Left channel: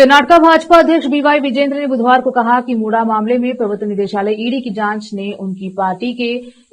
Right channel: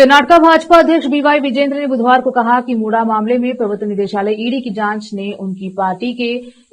कर्नाटका भाजपा अध्यक्ष बीवाई विजेंद्र ने बुधवार को कहा कि मूडा मामले में प्रवर्तन निदेशालय ईडी की जांच ने उनकी पार्टी के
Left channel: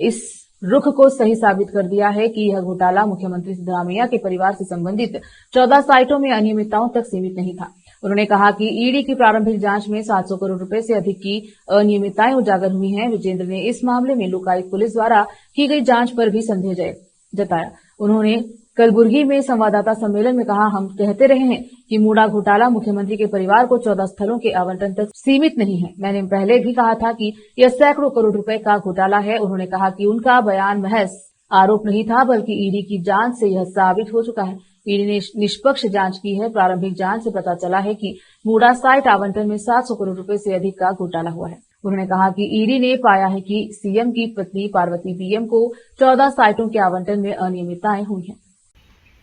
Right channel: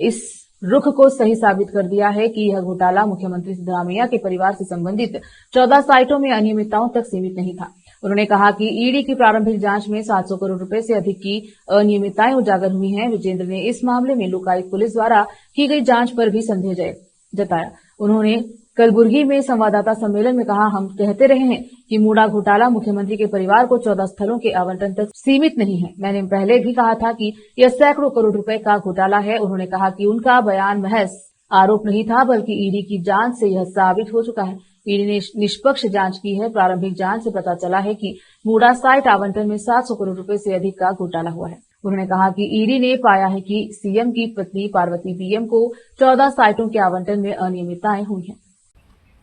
इस रुख को सही साबित कर दिया है कि यह घोटाला मुख्यमंत्री सिद्धरामैया के परिवार से संबंधित 14 साइटों में अनियमितताओं तक सीमित नहीं था। उन्होंने कहा कि ईडी की प्रारंभिक जांच में 700 करोड़ रुपए से अधिक की अनियमितताएं उजागर हुई हैं। विजेंद्र ने इस मामले में लोकायुक्त पुलिस द्वारा की गई जांच पर भी संदेह जताया। उन्होंने कलबुर्गी में संवाददाता सम्मेलन में कहा, हम कहते रहे हैं कि मूडा घोटाला मुख्यमंत्री के परिवार को 14 स्थलों के आवंटन तक सीमित नहीं है। मैंने पहले भी कहा था कि यह सैकड़ों करोड़ रुपए का घोटाला है। उन्होंने कहा कि उनका बयान महज आरोप नहीं था, बल्कि ईडी की जांच से यह साबित हो चुका है। ईडी ने निष्पक्ष जांच की है। प्रारंभिक जांच से पता चला है कि मूडा साइट आवंटन में 700 करोड़ रुपए से अधिक का घोटाला हुआ है। उन्होंने कहा कि ईडी ने पाया है कि सीएम की पत्नी पार्वती पीएम को 14 साइटों के आवंटन में अनियमितताएं हुई हैं।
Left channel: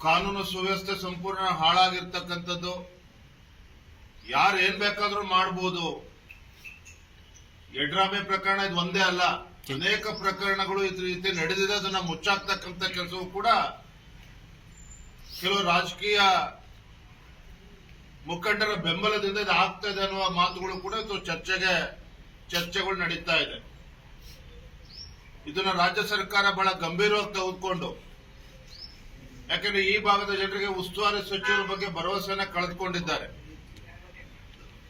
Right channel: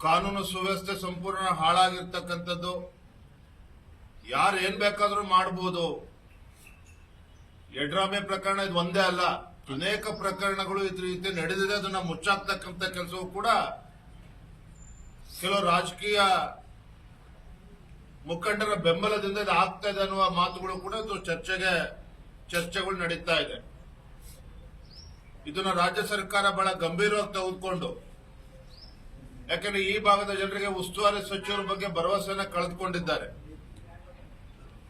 ಕಾನೂನು ಸುವ್ಯವಸ್ಥೆ ಸಂಪೂರ್ಣ ಹಾಳಾಗಿರ್ತಕ್ಕಂಥದ್ದು, ಯಾರು ಏನ್ ಬೇಕಾದ್ರೂ ಮಾಡಬಹುದು. ಯಡ್ರಾಮೆ ಪ್ರಕರಣ ಇದು ಒಂದೇ ಅಲ್ಲ, ಅನೇಕ ಪ್ರಕರಣಗಳು ಈ ರೀತಿ ನಡೆದಿದೆ. ಅದನ್ನ ಮುಚ್ಚಾಕ್ತಕ್ಕಂಥ ಕೆಲಸವೂ ಕೂಡ ಕೆಲವು ರಾಜಕೀಯ ಮುಖಂಡರ ಬೆಂಬಲದಿಂದ ಇದು ಆಗ್ತಾ ಇದೆ ಅನ್ನುವ ಮಾತುಗಳು ಕೂಡ ಚರ್ಚೆಗಳು ನಡೀತಾ ಇದೆ. ಇದನ್ನ ರಾಜ್ಯ ಸರ್ಕಾರ ಬಹಳ ಗಂಭೀರವಾಗಿ ತೆಗೆದುಕೊಂಡು, ಯಾಕಂದ್ರೆ ಈ ಭಾಗದ ಜನರಿಗೆ ಉಸ್ತುವಾರಿ ಸಚಿವರ ಬಗ್ಗೆ ಭರವಸೆಯನ್ನು ಕಳೆದುಕೊಂಡಿದ್ದಾರೆ.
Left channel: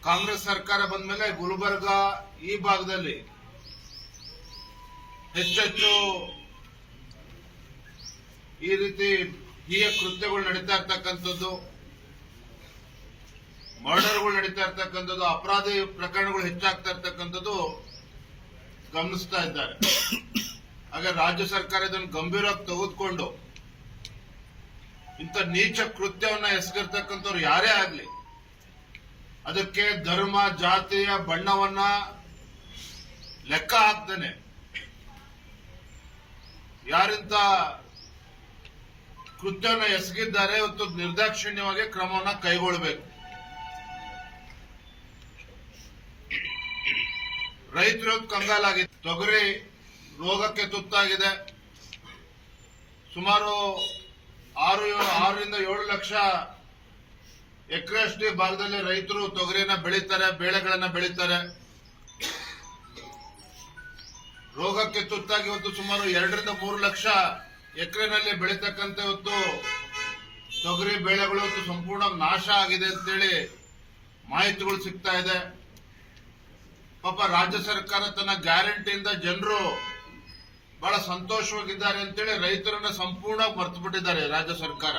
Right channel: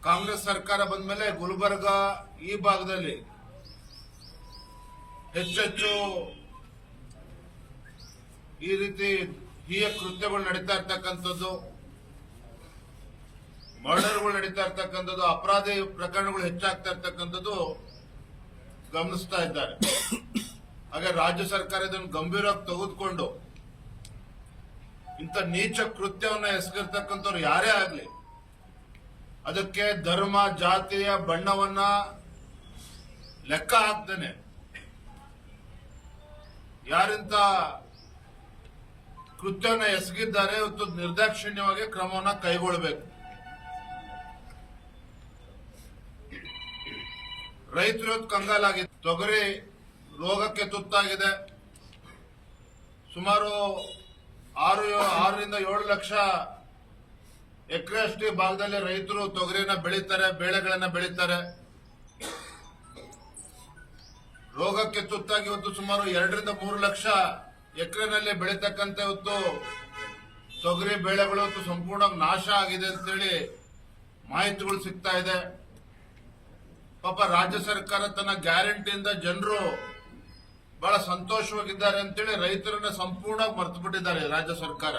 ಕಾಂಗ್ರೆಸ್ ಸರ್ಕಾರ ಬಂದ ಮೇಲೆ ಗುಲ್ಬರ್ಗ ಈ ಭಾಗದಲ್ಲಿ ಹೆಚ್ಚೆಚ್ಚು ಈ ರೀತಿ ಹೀಯ ಕೃತ್ಯಗಳು ನಡೀತಾ ಇರ್ತಕ್ಕಂಥದ್ದು, ಮರ್ಡರ್ಗಳು ನಡೀತಾ ಇರ್ತಕ್ಕಂಥದ್ದು, ಅಪರಾಧಿ ಪ್ರಕರಣಗಳು ಹೆಚ್ಚಾಗ್ತಾ ಇರ್ತಕ್ಕಂಥದ್ದು ಗಮನಿಸ್ತಾ ಇದ್ದಾರೆ. ಹಾಗೆ ರಾಜ್ಯ ಸರ್ಕಾರ ಇದನ್ನು ಗಂಭೀರವಾಗಿ ತೆಗೆದುಕೊಂಡು ಇಂಥ ನೀಚ ಕೃತ್ಯವನ್ನ ಎಸಗಿರ್ತಕ್ಕಂಥವ್ರು ಯಾರೇ ಆಗಲಿ ಅದಕ್ಕೆ ಧರ್ಮ ಜಾತಿಯ ಬಣ್ಣವನ್ನ ಲೆಕ್ಕ ಹಾಕ್ದೇನೆ ಯಾರಿಂತ ಕೃತ್ಯವನ್ನ ಎಸಗಿದ್ದಾರೆ ಇವತ್ತು ನಿರ್ದಾಕ್ಷಿಣ್ಯವಾಗಿ ಕ್ರಮವನ್ನ ಕೈಗೊಳ್ಳಬೇಕು. ರೈತರು ಕಂಗಾಲಾಗಿದೆ. ತೊಗರಿ ರೋಗಕ್ಕೆ ತುತ್ತಾಗಿದೆ. ಸುಮಾರು 6ರಿಂದ 7 ಲಕ್ಷ ಎಕರೆಯಷ್ಟು ಭಾಗದಲ್ಲಿ ರೈತರು ತೊಗರಿನ ಬೆಳೀತಾರೆ, ಬೇಳೆಗಳನ್ನ ಬೆಳೀತಾರೆ. ರೋಗಕ್ಕೆ ತುತ್ತಾಗಿ ಇವತ್ತು ಸುಮಾರು 2ರಿಂದ 3 ಲಕ್ಷ ಎಕರೆನಲ್ಲಿ ಬೆಳೀತಕ್ಕಂಥ ಇವತ್ತು ತೊಗರಿ ಬೆಳೆಗಳು ಇವತ್ತು ಸಂಪೂರ್ಣ ನಾಶ ಆಗಿದೆ ಅಂತೇಳಿ ಮಾಹಿತಿಗಳು ಸಿಗ್ತಾ ಇದೆ. ಪಾಪ ರಾಜ್ಯ ಸರ್ಕಾರ ತನ್ನ ಗ್ಯಾರಂಟಿಯಿಂದ ಜನರು ಬಹಳ ಸಂತೋಷವಾಗಿದ್ದಾರೆ ಅಂತೇಳಿ ರೈತರನ್ನ ಸಂಪೂರ್ಣ ಮರೆತು ಬಿಟ್ಟಿದ್ದಾರೆ ರಾಜ್ಯ ಸರ್ಕಾರ.